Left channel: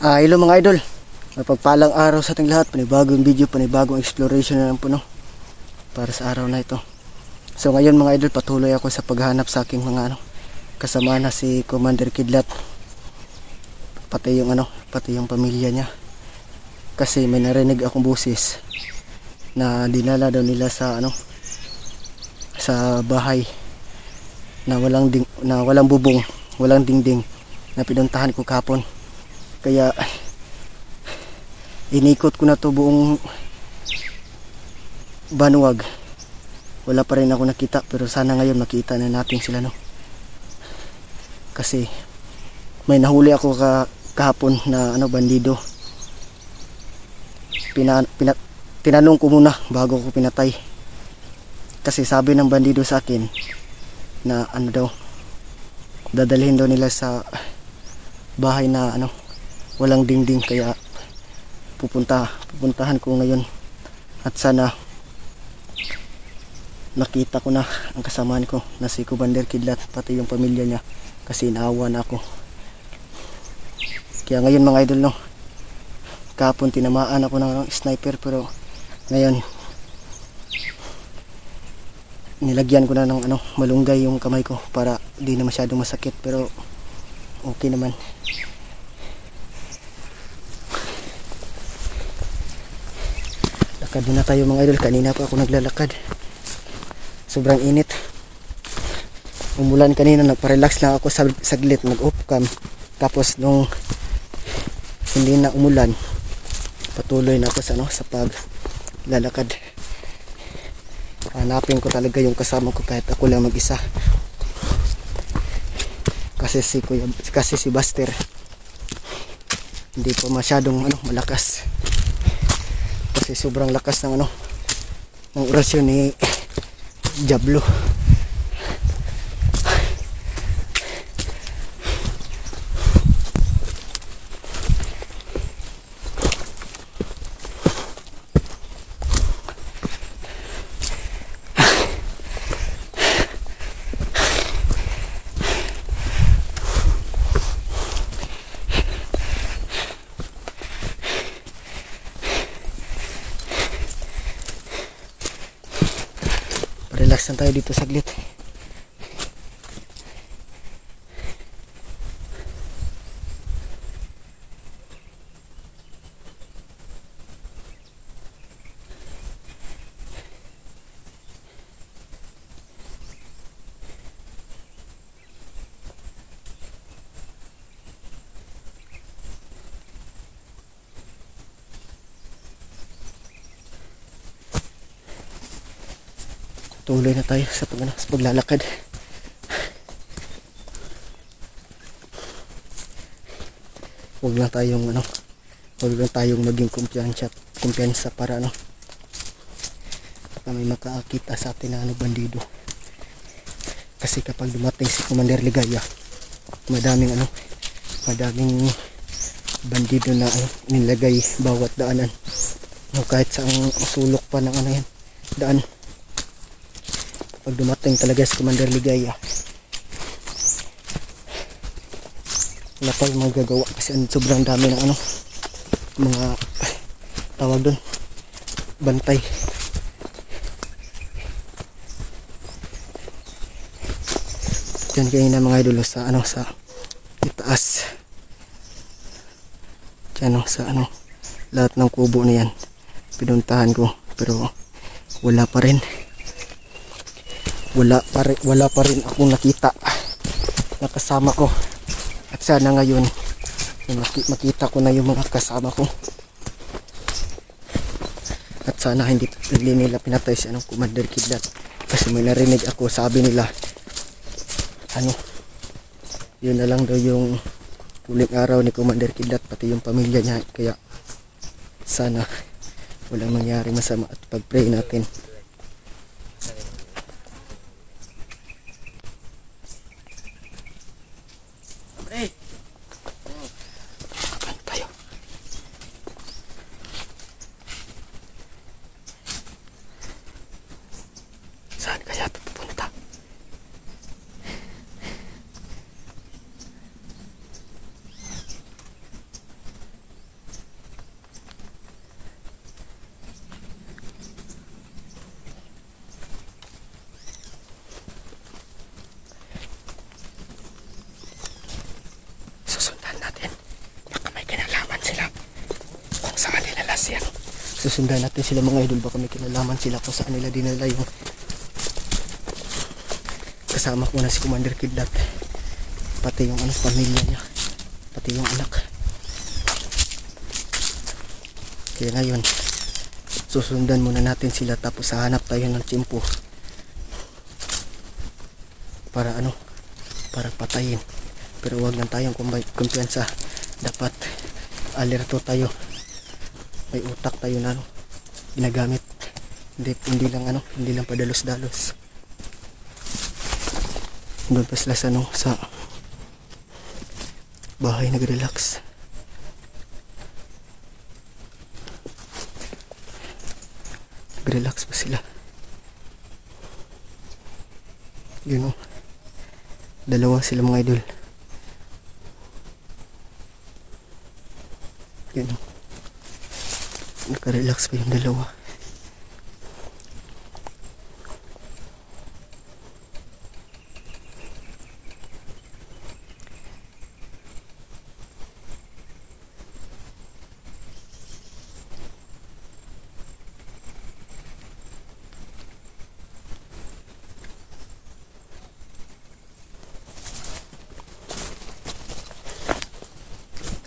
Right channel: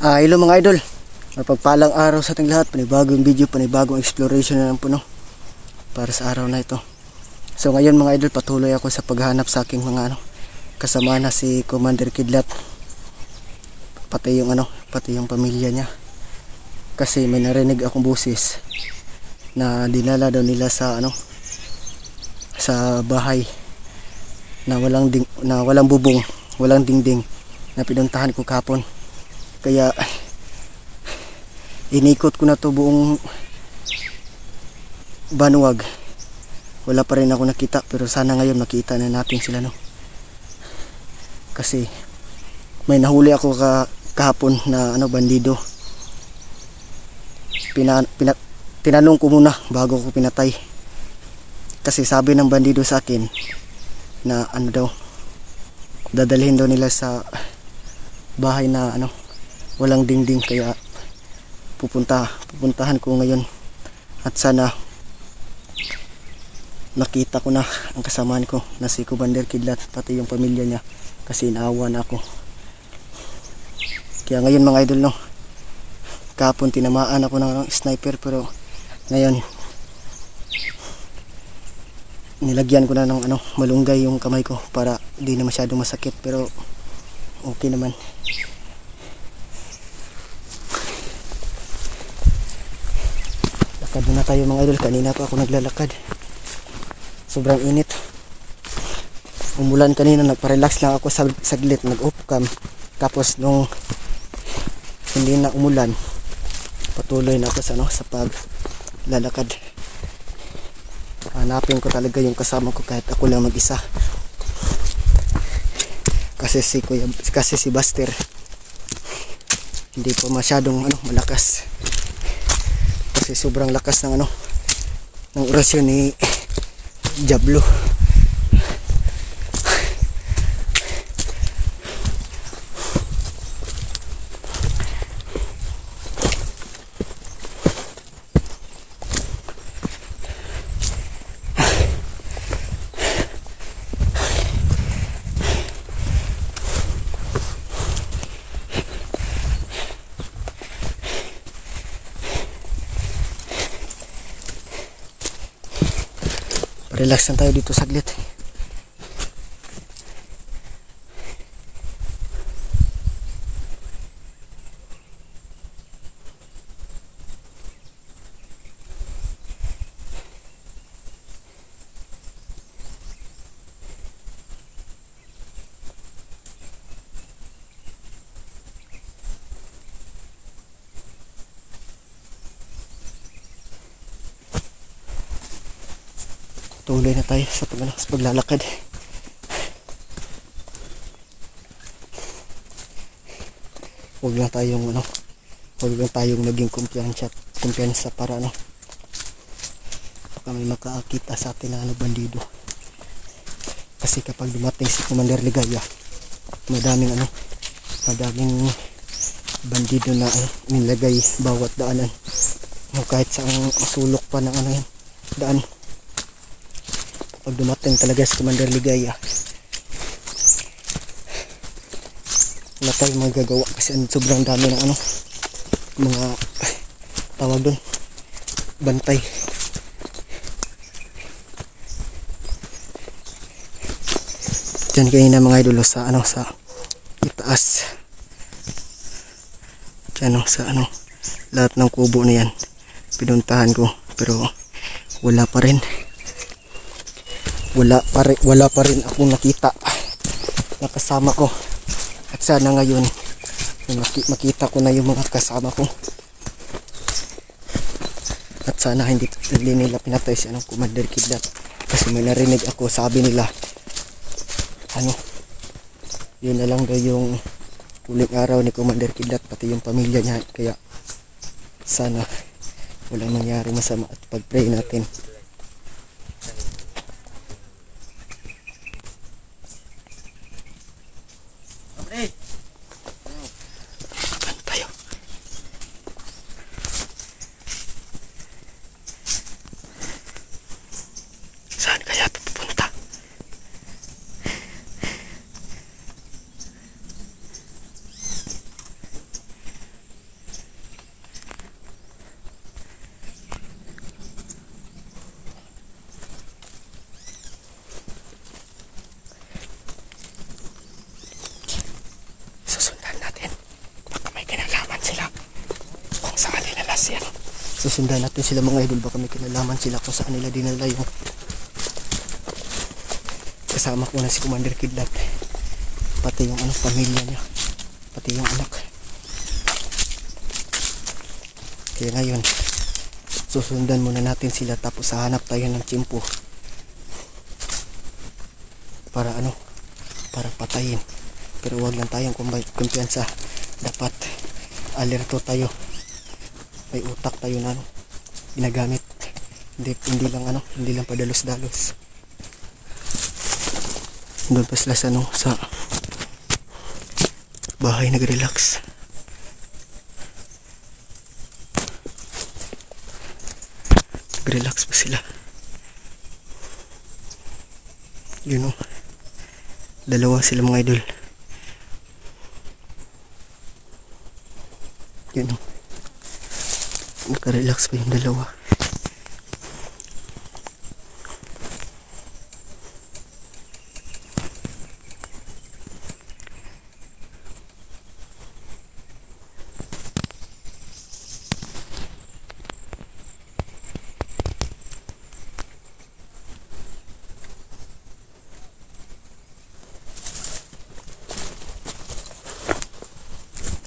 Hello mga idol, mapagpalang araw sa ating lahat. Panibagong video, panibagong exploration na lang po, no? Para sa araw na ito. So ngayon mga idol, patuloy ako sa paghahanap sa aking mga kasama na si Commander Kidlat, pati yung pamilya niya. Kasi may narinig akong busis na dinala daw nila sa sa bahay na walang bubong, walang dingding, na pinuntahan ko kahapon. Kaya inikot ko na to buong Banwag. Wala pa rin ako nakita, pero sana ngayon makita na natin sila, no? Kasi may nahuli ako kahapon na bandido. Tinanong ko muna bago ko pinatay. Kasi sabi ng bandido sa akin na dadalhin daw nila sa bahay na walang dingding. Kaya pupuntahan ko ngayon, at sana nakita ko na ang kasamaan ko na si Commander Kidlat, pati yung pamilya niya, kasi naawa na ako. Kaya ngayon mga idol, no, kahapon tinamaan ako ng sniper, pero ngayon nilagyan ko na ng malunggay yung kamay ko para di na masyadong masakit, pero okay naman. Lakad na tayo mga idol. Kanina pa ako naglalakad, sobrang init. Umulan kanina, nagpa-relax lang ako saglit, nag-off cam. Tapos nung hindi na umulan, patuloy na ako sa paglalakad. Hanapin ko talaga yung kasama ko kahit ako lang mag-isa. Kasi si Buster hindi pa masyadong malakas. Kasi sobrang lakas ng orasyon ni Diablo. Relax lang tayo dito saglit. Tuloy na tayo sa paglalakad. Huwag lang tayong maging kumpiyansa para baka may makaakita sa atin na bandido. Kasi kapag dumating si Commander Ligaya, madaming bandido na nilagay bawat daanan, kahit sa sulok pa ng daan. Pag dumating talaga si Commander Ligaya, wala tayong magagawa kasi sobrang dami ng mga tawag doon, bantay. Diyan kanina mga idolo sa itaas. Diyan sa lahat ng kubo na yan pinuntahan ko, pero wala pa rin akong nakita na kasama ko. At sana ngayon makita ko na yung mga kasama ko, at sana hindi nila pinatay si Commander Kidlat. Kasi may narinig ako, sabi nila yun na lang daw yung huling araw ni Commander Kidlat, pati yung pamilya niya. Kaya sana walang mangyari masama, at pag-pray natin. Saan kaya ito pupunta? Susundan natin sila mga idol, baka may kinalaman sila kung saan nila dinala yung kasama ko na si Commander Kidnap, pati yung pamilya niya, pati yung anak. Kaya ngayon susundan muna natin sila, tapos hahanap tayo ng tsimpo para para patayin. Pero huwag lang tayong kumpiyansa, dapat alerto tayo, may utak tayo na ginagamit, hindi lang padalos-dalos. Doon pa sila sa bahay nag-relax. Nag-relax pa sila. Yun dalawa sila mga idol. Yun naka-relax pa yung dalawa.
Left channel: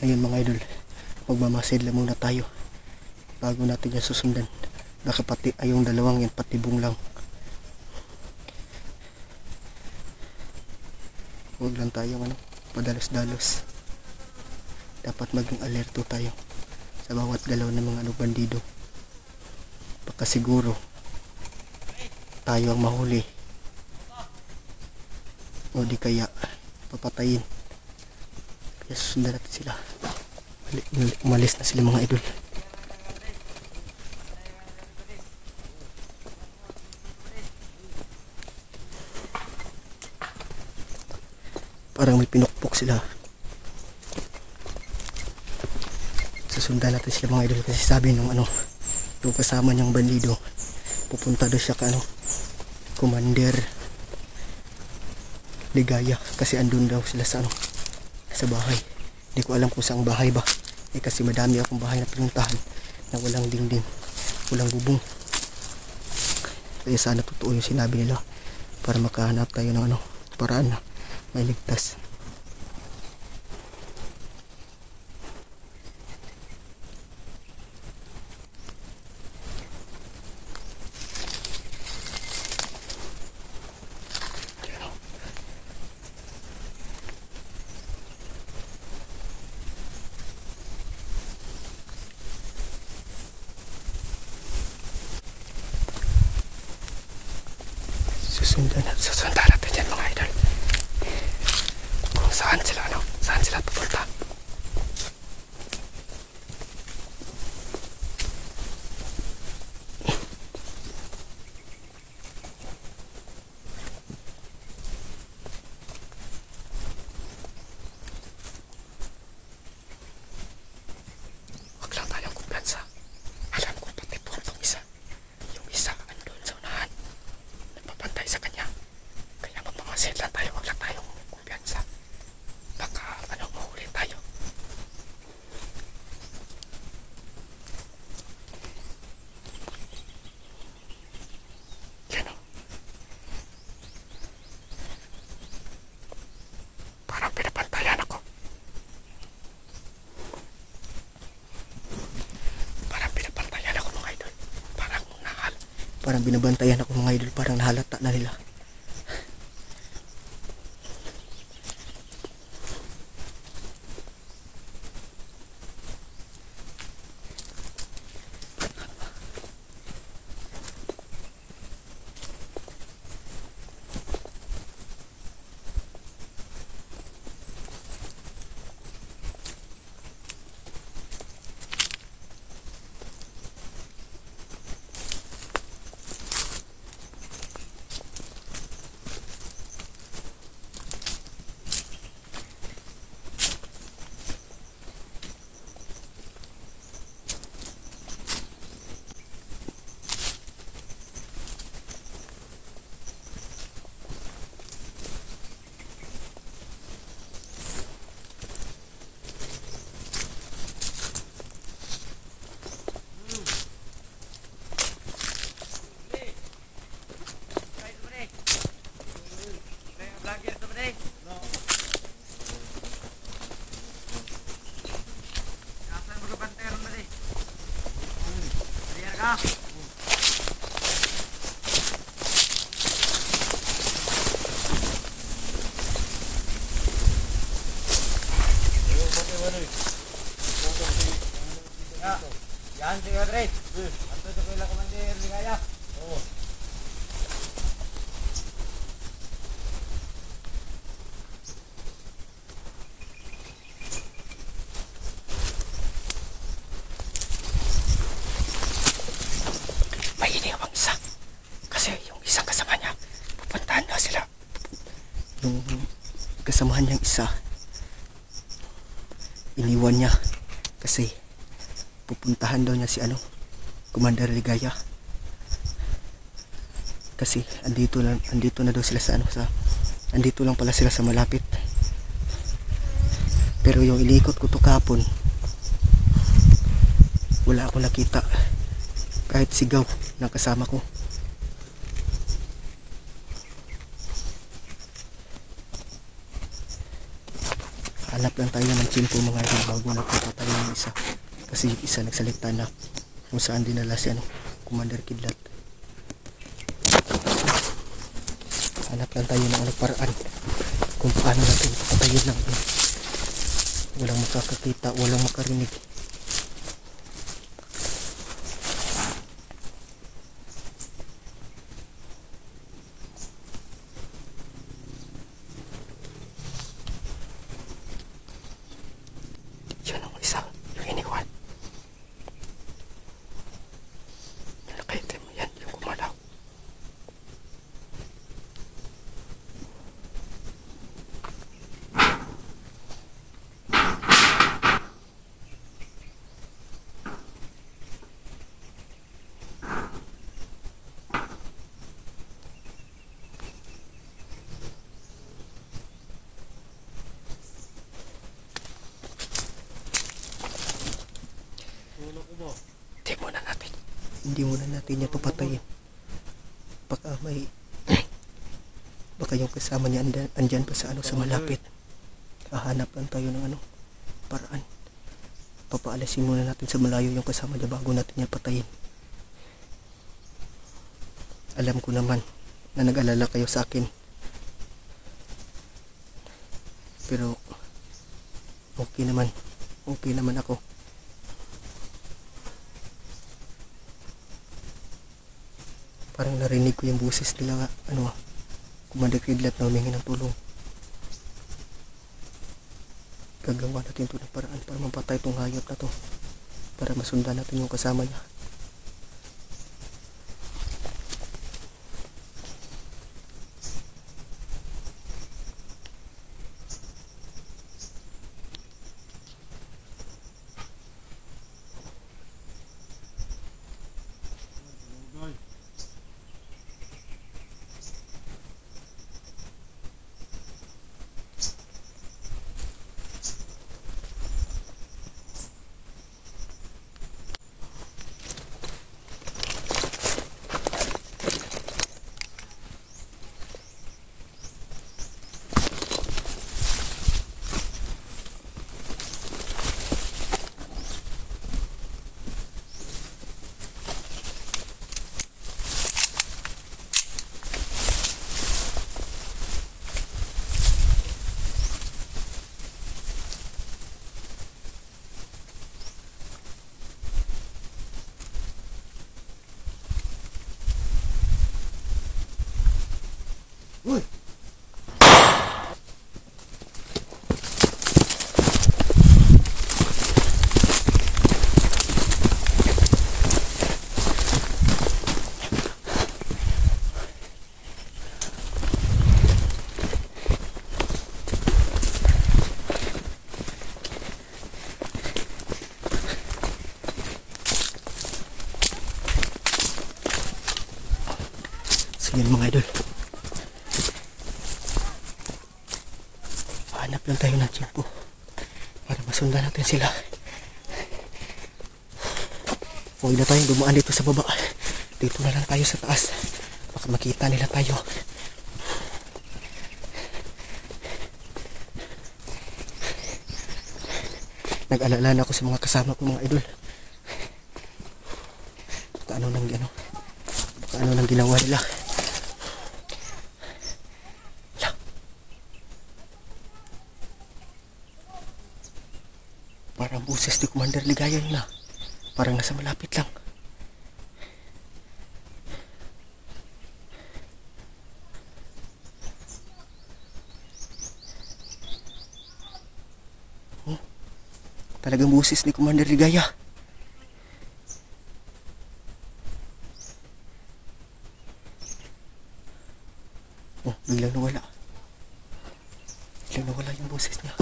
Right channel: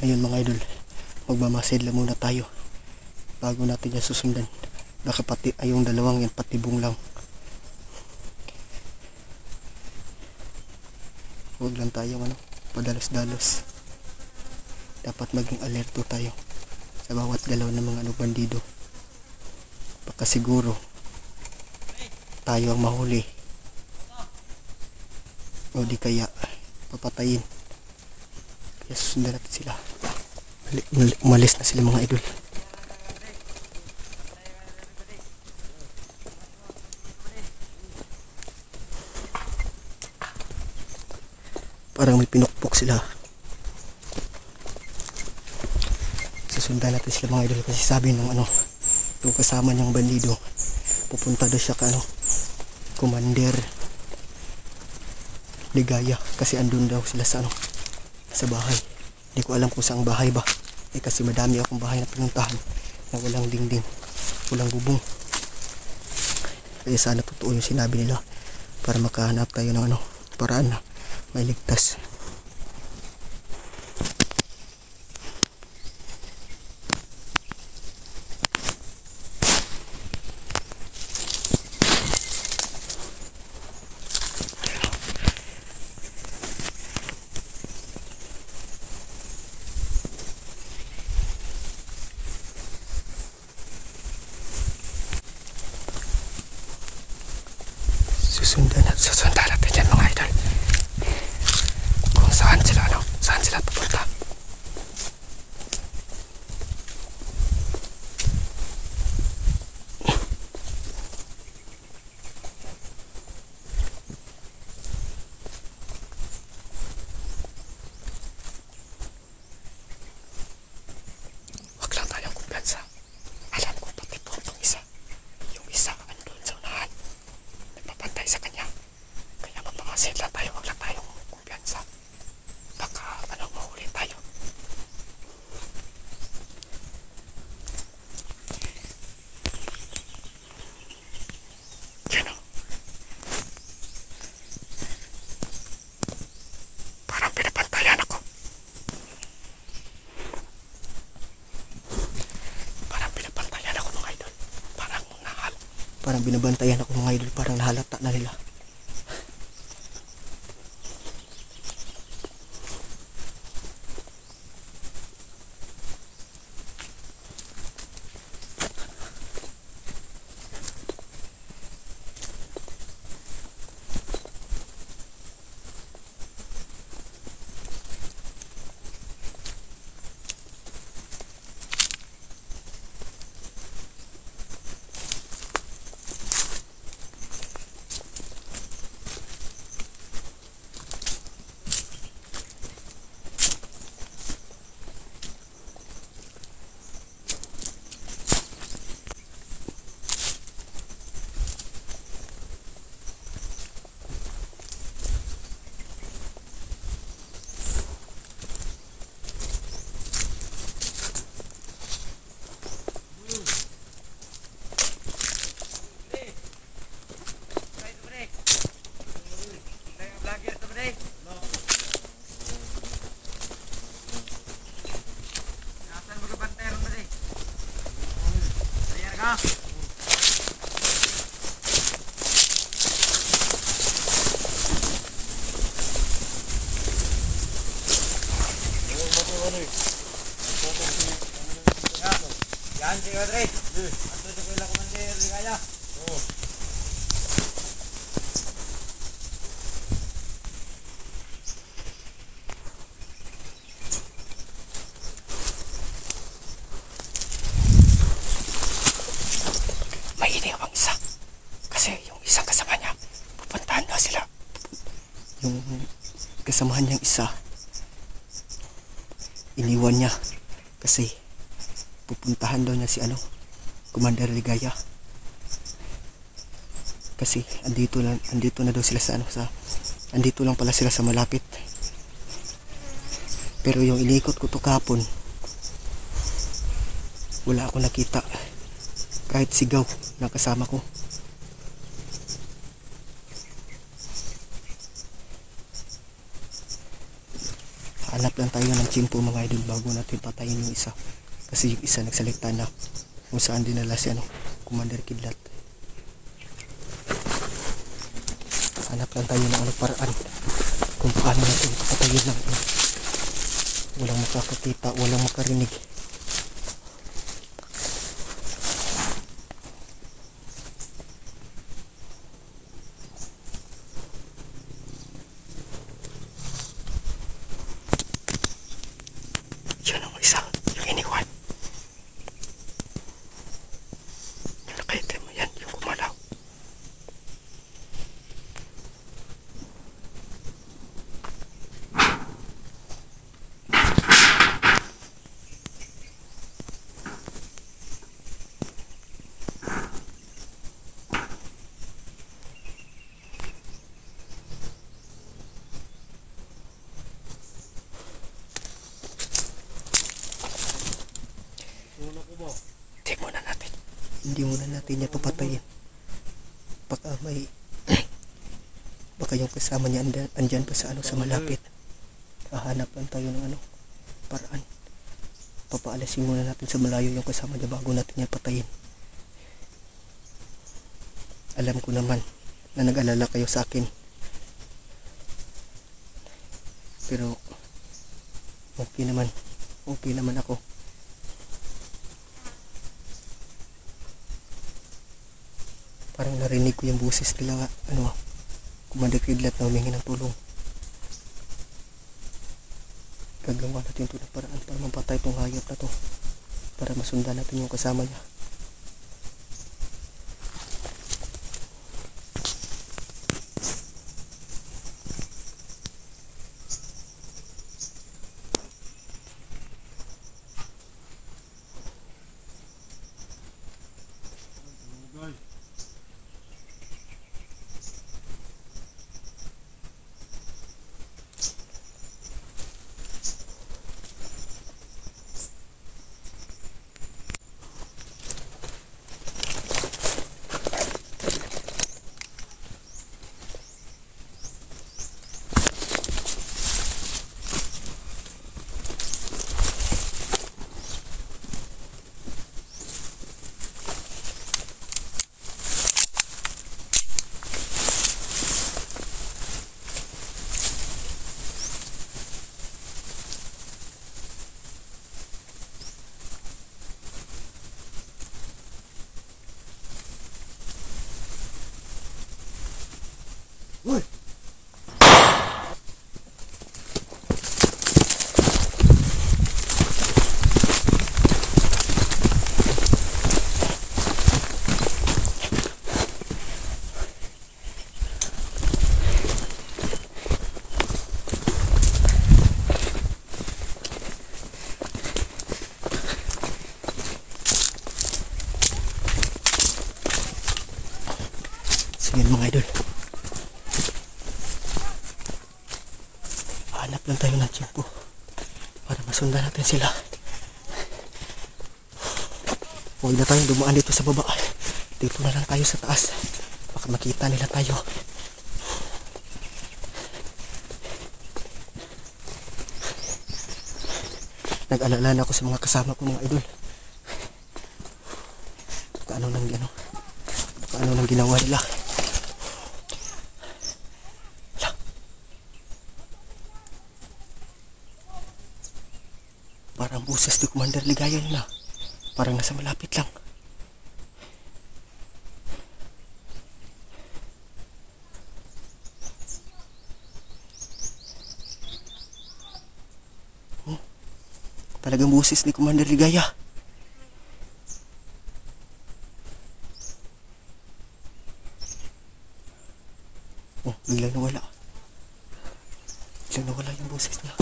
Ayun mga idol, magmamasid muna tayo bago natin yan susundan. Baka pati ayong dalawang yan patibong lang. Huwag lang tayong padalos-dalos. Dapat maging alerto tayo sa bawat galaw ng mga bandido. Baka siguro tayo ang mahuli, o di kaya papatayin. Kaya susundan natin sila. Umalis na sila mga idol. Parang may pinukpok sila. Susundan natin sila mga idol, kasi sabi ng yung kasama niyang bandido, pupunta daw siya Commander Ligaya, kasi andun daw sila sa bahay. Hindi ko alam kung saang bahay ba, kasi madami akong bahay na pinuntahan na walang dingding, walang bubong. Kaya sana totoo yung sinabi nila, para makahanap tayo ng paraan na may ligtas. Susundan natin yan mga idol, kung saan sila pupunta. Wag lang tayong kumpiyansa. Alam ko pati po itong isa, yung isa andun sa unahan, nagpapantay sa kanya. Kaya magpamasid lang tayo, wag lang tayong kumpiyansa. Baka mahuli tayo. Yan parang pinapantayan ako. Mga idol. Parang binabantayan ako mga idol, parang nahalata na nila. Yan si Padre. Ato ito ko ilang komandir ligaya. Oo. May iniwang isa. Kasi yung isang kasama niya, pupuntahan na sila. Yung kasamahan niyang isa, iniwan niya kasi pupuntahan daw niya si Commander Ligaya, kasi andito na daw sila andito lang pala sila sa malapit. Pero yung inikot ko to kapon, wala akong nakita kahit sigaw ng kasama ko. Hanap lang tayo ng tsimpo mga idol bago natin patayin yung isa. Kasi yung isa nagsalita na kung saan dinala si Commander Kidlat. Hanap lang tayo ng paraan kung paano natin papatayin lang. Walang makakakita, walang makarinig. Yun ang isa, yung iniwan. Yung nakaitim mo yan, yung kumalaw. Hindi muna natin yan papatayin. Baka yung kasama niya andyan pa sa malapit. Hahanap lang tayo ng paraan. Papaalasin muna natin sa malayo yung kasama niya bago natin yan patayin. Alam ko naman na nag-alala kayo sa akin, pero okay naman ako. Parang narinig ko yung boses nila Commander Kidlat na humingi ng tulong. Gagawa natin ito ng paraan para mapatay itong hayop na to, para masundan natin yung kasama niya. Uy! Yan mga idol, hanap lang tayo ng tiyempo para masundan natin sila. Huwag na tayong dumaan dito sa baba, dito na lang tayo sa taas, baka makita nila tayo. Nag-alala na ako sa mga kasama ko mga idol, baka Baka ano nang ginawa nila. Parang boses ni Commander Ligaya yun na. Parang nasa malapit lang. Oh, talagang boses ni Commander Ligaya. Oh, biglang nawala. Biglang nawala yung boses niya.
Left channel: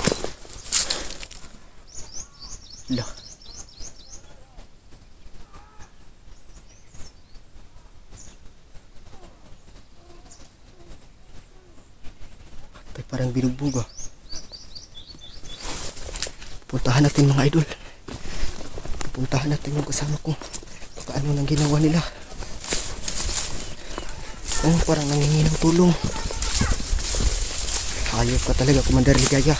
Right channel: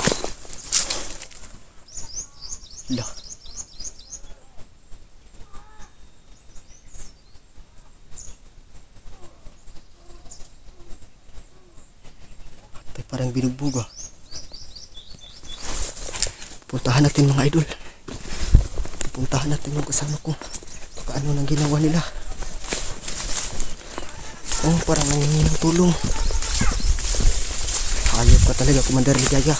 Lah. Atay parang binugbog ah. Puntahan natin mga idol. Puntahan natin yung kasama ko. Baka ano nang ginawa nila. Oh, parang nangingi ng tulong. Hayop ka talaga, Commander Ligaya.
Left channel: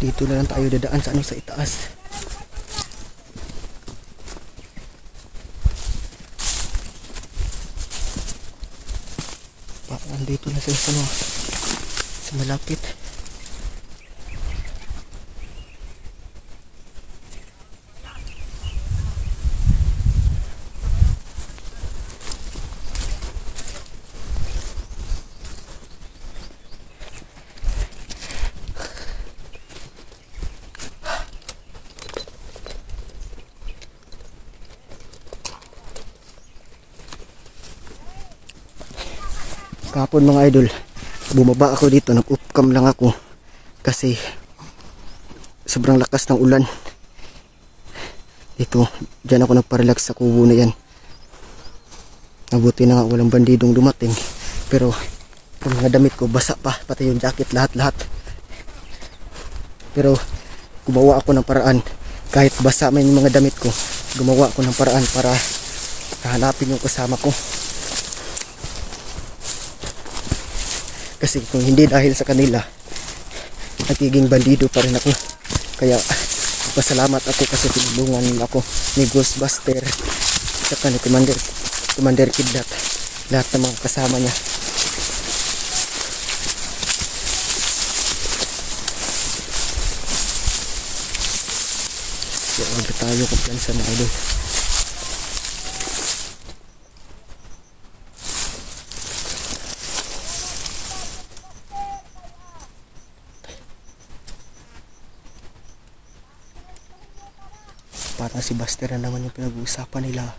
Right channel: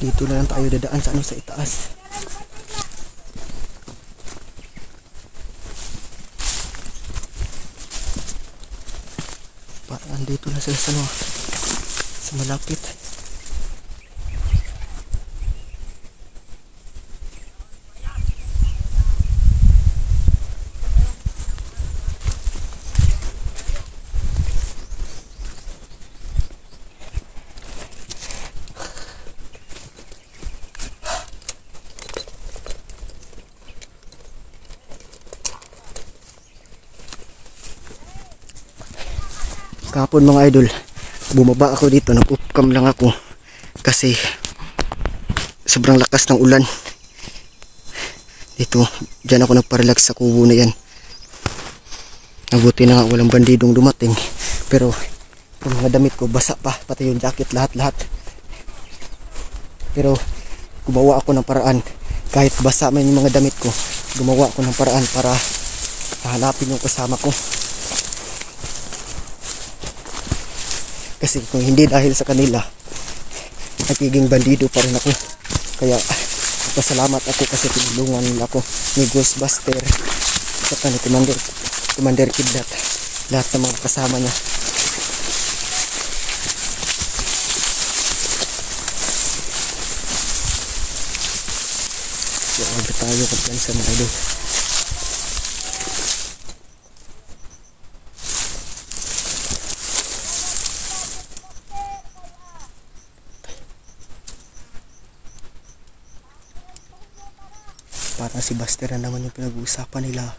Dito na lang tayo dadaan sa itaas. Parang andito na sila sa malapit. Kahapon mga idol, bumaba ako dito, nag-upcam lang ako kasi sobrang lakas ng ulan. Dito, dyan ako nagparelax sa kubo na yan. Nabuti na nga walang bandidong dumating, pero yung mga damit ko basa pa, pati yung jacket, lahat. Pero gumawa ako ng paraan, kahit basa may mga damit ko, gumawa ako ng paraan para hanapin yung kasama ko. Kasi kung hindi dahil sa kanila, nagiging bandido pa rin ako. Kaya pasalamat ako kasi tinulungan nila ako ni Ghostbuster saka ni Commander Kidlat, lahat ng mga kasama niya. So agad tayo kumpiyansa mga idol. Parang si Buster na naman yung pinag-uusapan nila.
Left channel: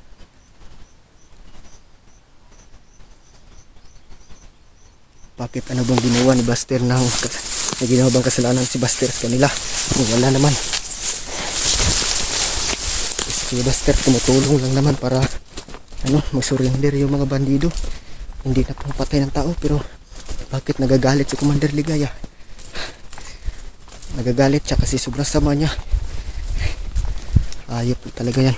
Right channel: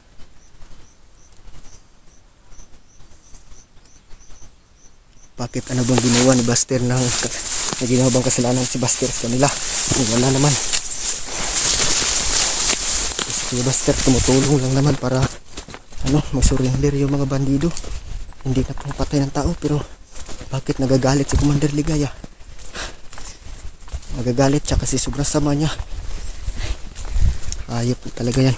Bakit ano bang ginawa ni Buster na ginawa bang kasalanan si Buster sa kanila? Wala naman. Si Buster tumutulong lang naman para mag-surrender yung mga bandido. Hindi ka pumapatay ng tao, pero bakit nagagalit si Commander Ligaya? Nagagalit siya kasi sobrang sama niya. Ayop talaga yan.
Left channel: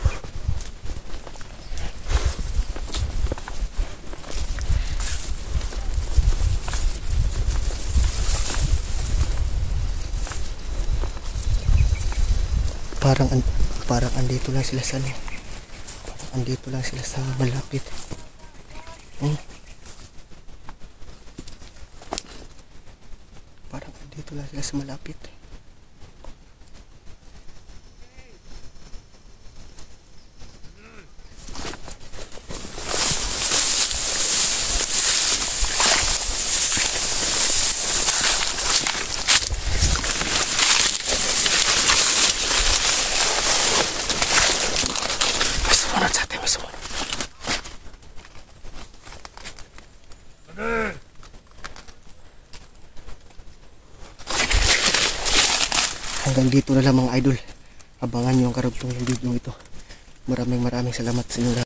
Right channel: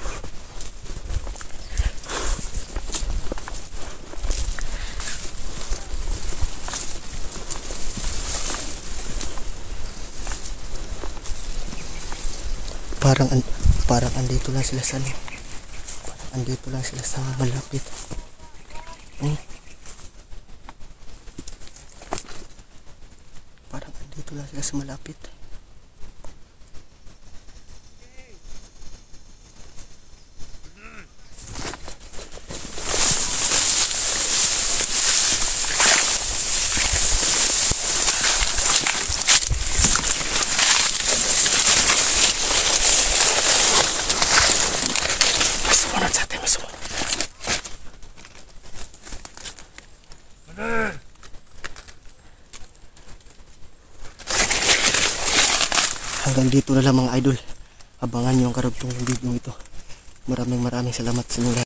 Parang andito lang sila sa parang andito lang sila sa malapit. Parang andito lang sila sa malapit. Hanggang dito na lang mga idol. Abangan nyo ang karugtong ng video ito. Maraming salamat sa inyo lahat.